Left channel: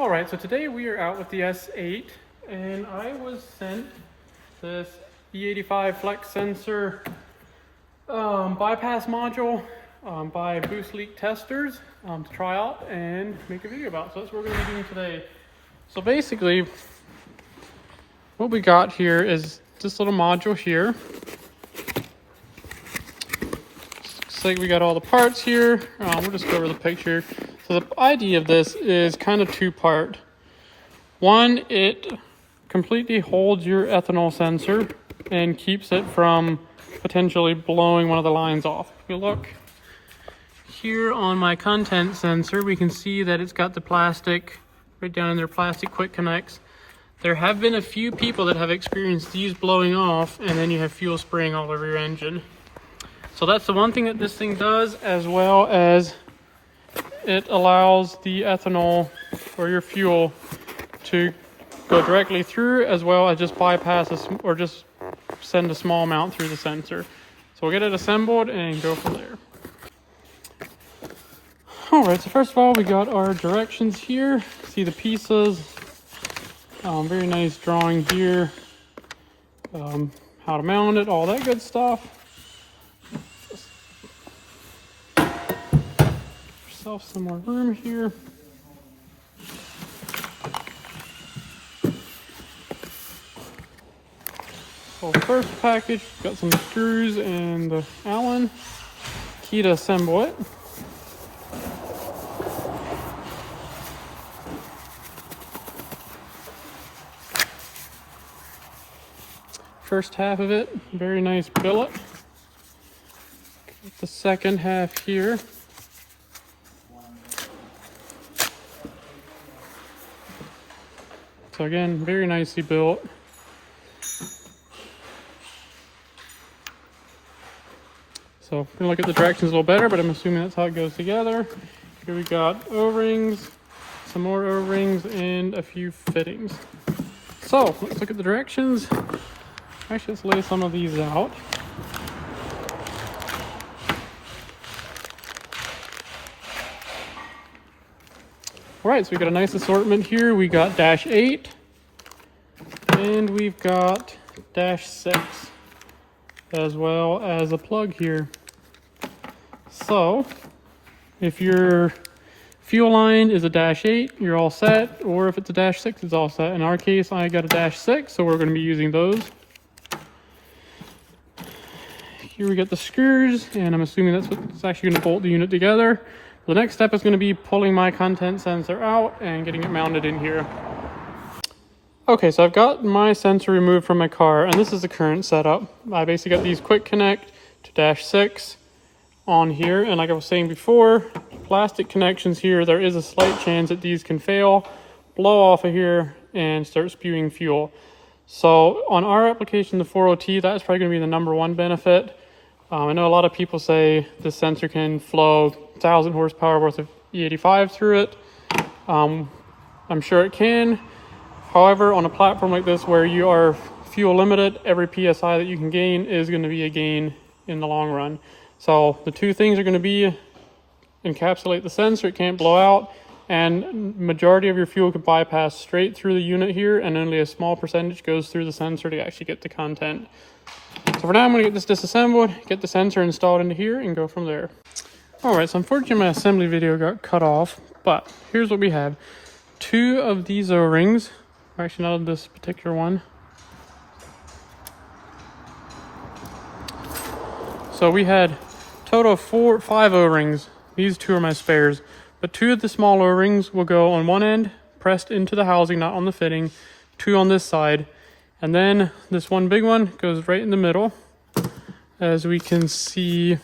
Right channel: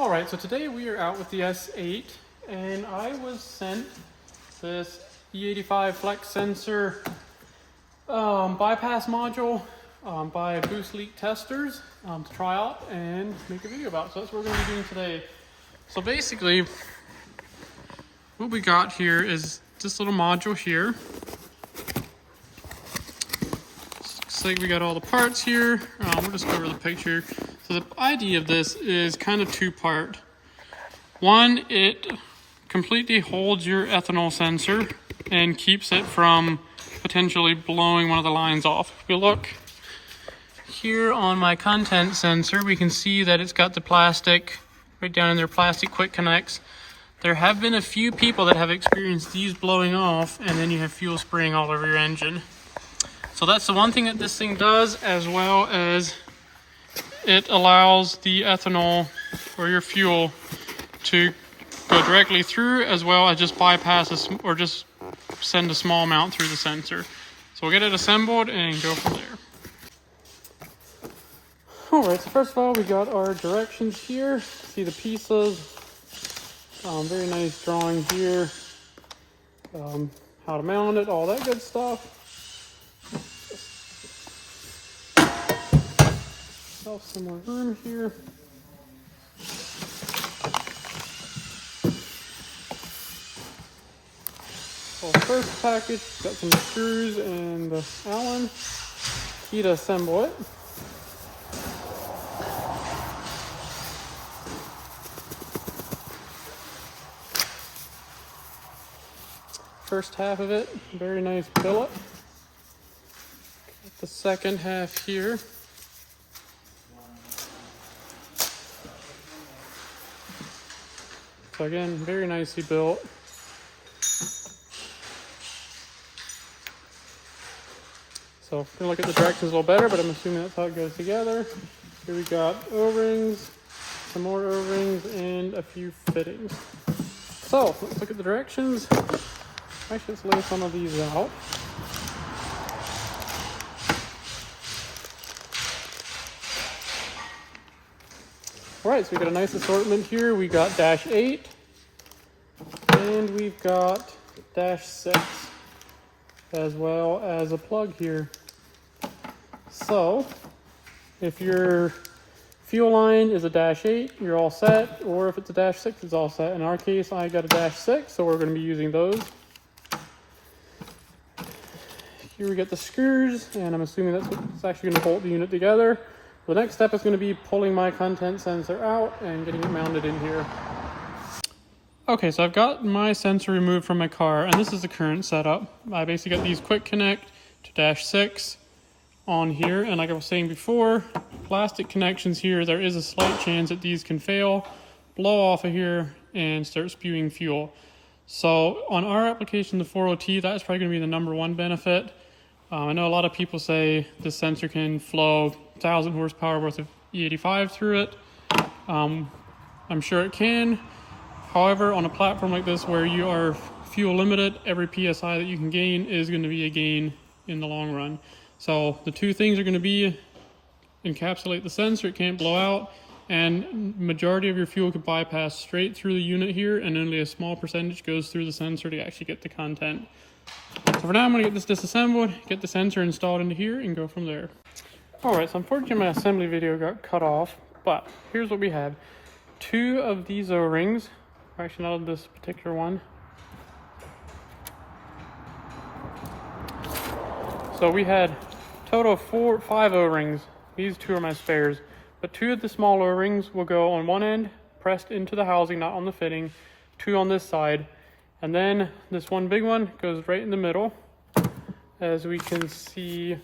Alright, so today we are out with the S8 and I was sent this E85 Flex Sensor bypass module by Boost Leak Testers to try out and make a video about. So that's what we're going to be doing today. So basically what we got here is this little module here. Looks like we got all the parts here. We'll just go over the picture. So the idea of this is kind of two-part. One, it completely holds your ethanol sensor and keeps it from potentially blowing one of the lines off. If we look here on my content sensor, we can see that it's got the plastic right down in there, plastic quick connects. There have been a few people that have experienced these blowing off, and then you have fuel spraying all over your engine. So that's the one thing that this thing does, as well as it allows the ethanol or your fuel to go directly through, as well as just bypass or just send a small amount through the sensor. So we'll get it assembled and go from there. Alright, so first of all, we got our directions here. See the pieces. Very nice drawing here. How to mount it, all that good stuff. Yourself some more room here. So the first package, got some screws and the Allen key to assemble it. First half of it, very nice billet. The second half here. So again, very nicely built. So if we look at the directions a little better, but I'm assuming that's how it goes together. Here we got O-rings, some more O-rings, and a few fittings. So let's look at the directions. Actually, let's lay some of these out. Alright, so we got a nice assortment here. We got -8 and we've got -6, as well as a plug here. So if your fuel line is a -8, you're all set, or if it's a -6, it's all set. In our case, I got a -6, so we're going to be using those. Here we got the screws, and I'm assuming that's what's actually going to bolt the unit together. The next step is going to be pulling my content sensor out and getting it mounted in here. Okay, so I've got my sensor removed from my car, and this is the current setup. I basically got these quick connect to -6 on here, and like I was saying before, plastic connections here, there is a slight chance that these can fail, blow off of here, and start spewing fuel. So on our application, the 40T, that's probably going to be the #1 benefit. I know a lot of people say the sensor can flow 1,000 horsepower worth of E85 through it. I'm sure it can. However, on a platform like this where you are fuel limited, every PSI that you can gain is going to be a gain in the long run. So the two things are going to be encapsulate the sensor, it can't blow out, and majority of your fuel could bypass straight through the unit here, and only a small percentage goes through the sensor to actually get the content. So for now, I'm going to get this disassembled, get the sensor installed into here, and go from there. Alright, so unfortunately my assembly video got cut off, but here's what we have. 2 of these O-rings, actually not this particular one. So we had total of 5 O-rings. These 2 are my spares, but 2 of the small O-rings will go on one end, pressed into the housing, not on the fitting, 2 on this side. And then this one big one goes right in the middle, as we can see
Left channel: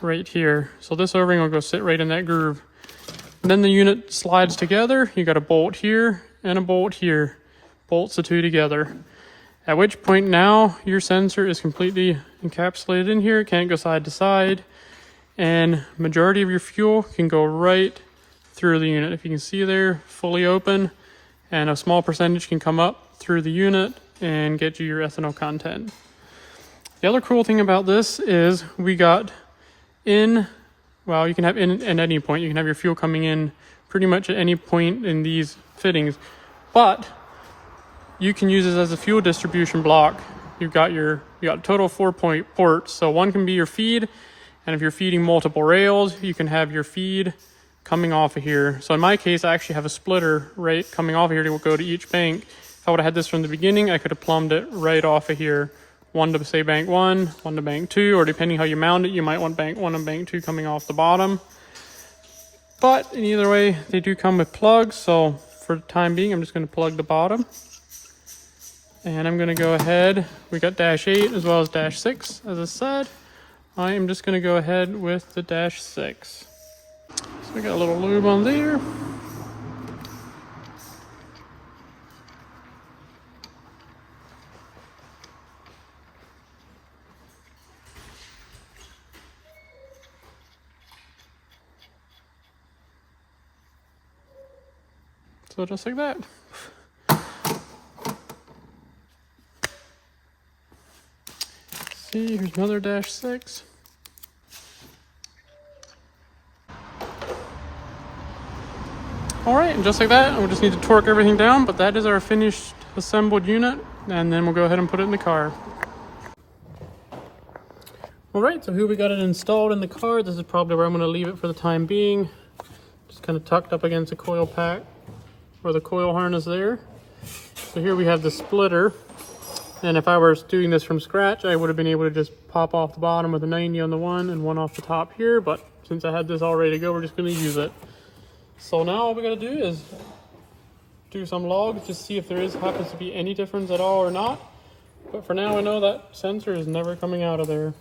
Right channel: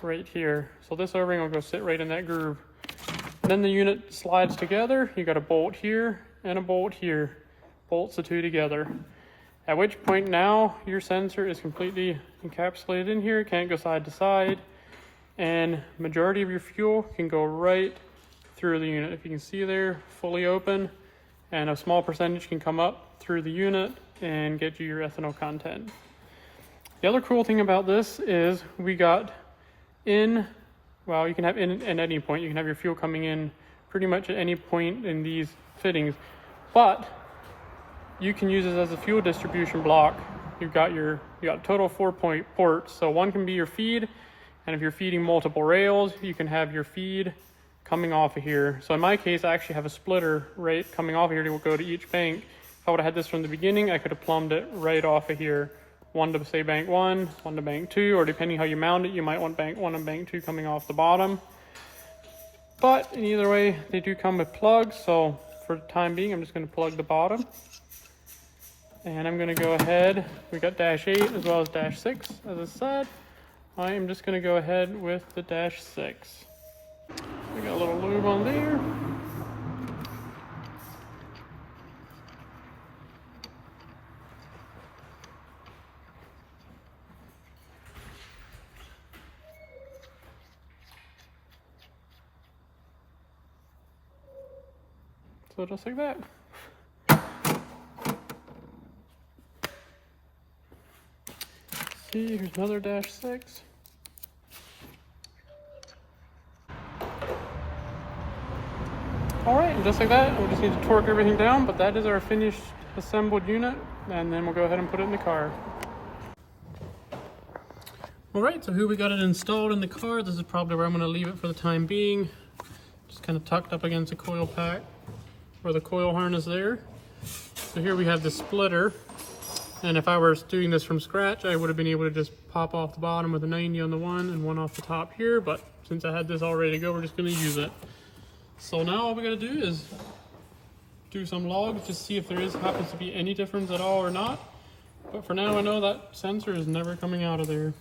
right here. So this O-ring will go sit right in that groove. And then the unit slides together. You got a bolt here and a bolt here. Bolts the 2 together. At which point now your sensor is completely encapsulated in here. It can't go side to side. And majority of your fuel can go right through the unit. If you can see there, fully open, and a small percentage can come up through the unit and get you your ethanol content. The other cool thing about this is we got in, well, you can have in at any point. You can have your fuel coming in pretty much at any point in these fittings, but you can use this as a fuel distribution block. You got a total of 4 ports. So one can be your feed, and if you're feeding multiple rails, you can have your feed coming off of here. So in my case, I actually have a splitter right coming off of here to go to each bank. If I would have had this from the beginning, I could have plumbed it right off of here. One to say bank 1, one to bank 2, or depending how you mount it, you might want bank 1 and bank 2 coming off the bottom. But in either way, they do come with plugs, so for the time being, I'm just going to plug the bottom. And I'm going to go ahead, we got dash 8 as well as dash 6, as I said. I am just going to go ahead with the dash 6. So we got a little lube on there. So just like that. See, here's another dash 6. Alright, and just like that, we'll just need to torque everything down, but that is our finished assembled unit, and then we'll go ahead and put it in the car. Alright, so here we got it installed in the car. This is probably where I'm going to leave it for the time being. Just kind of tucked up against the coil pack or the coil harness there. So here we have the splitter, and if I were doing this from scratch, I would have been able to just pop off the bottom with a 90 on the one and one off the top here, but since I had this all ready to go, we're just going to use it. So now all we gotta do is do some logs, just see if there happens to be any difference at all or not. But for now, I know that sensor is never coming out of there.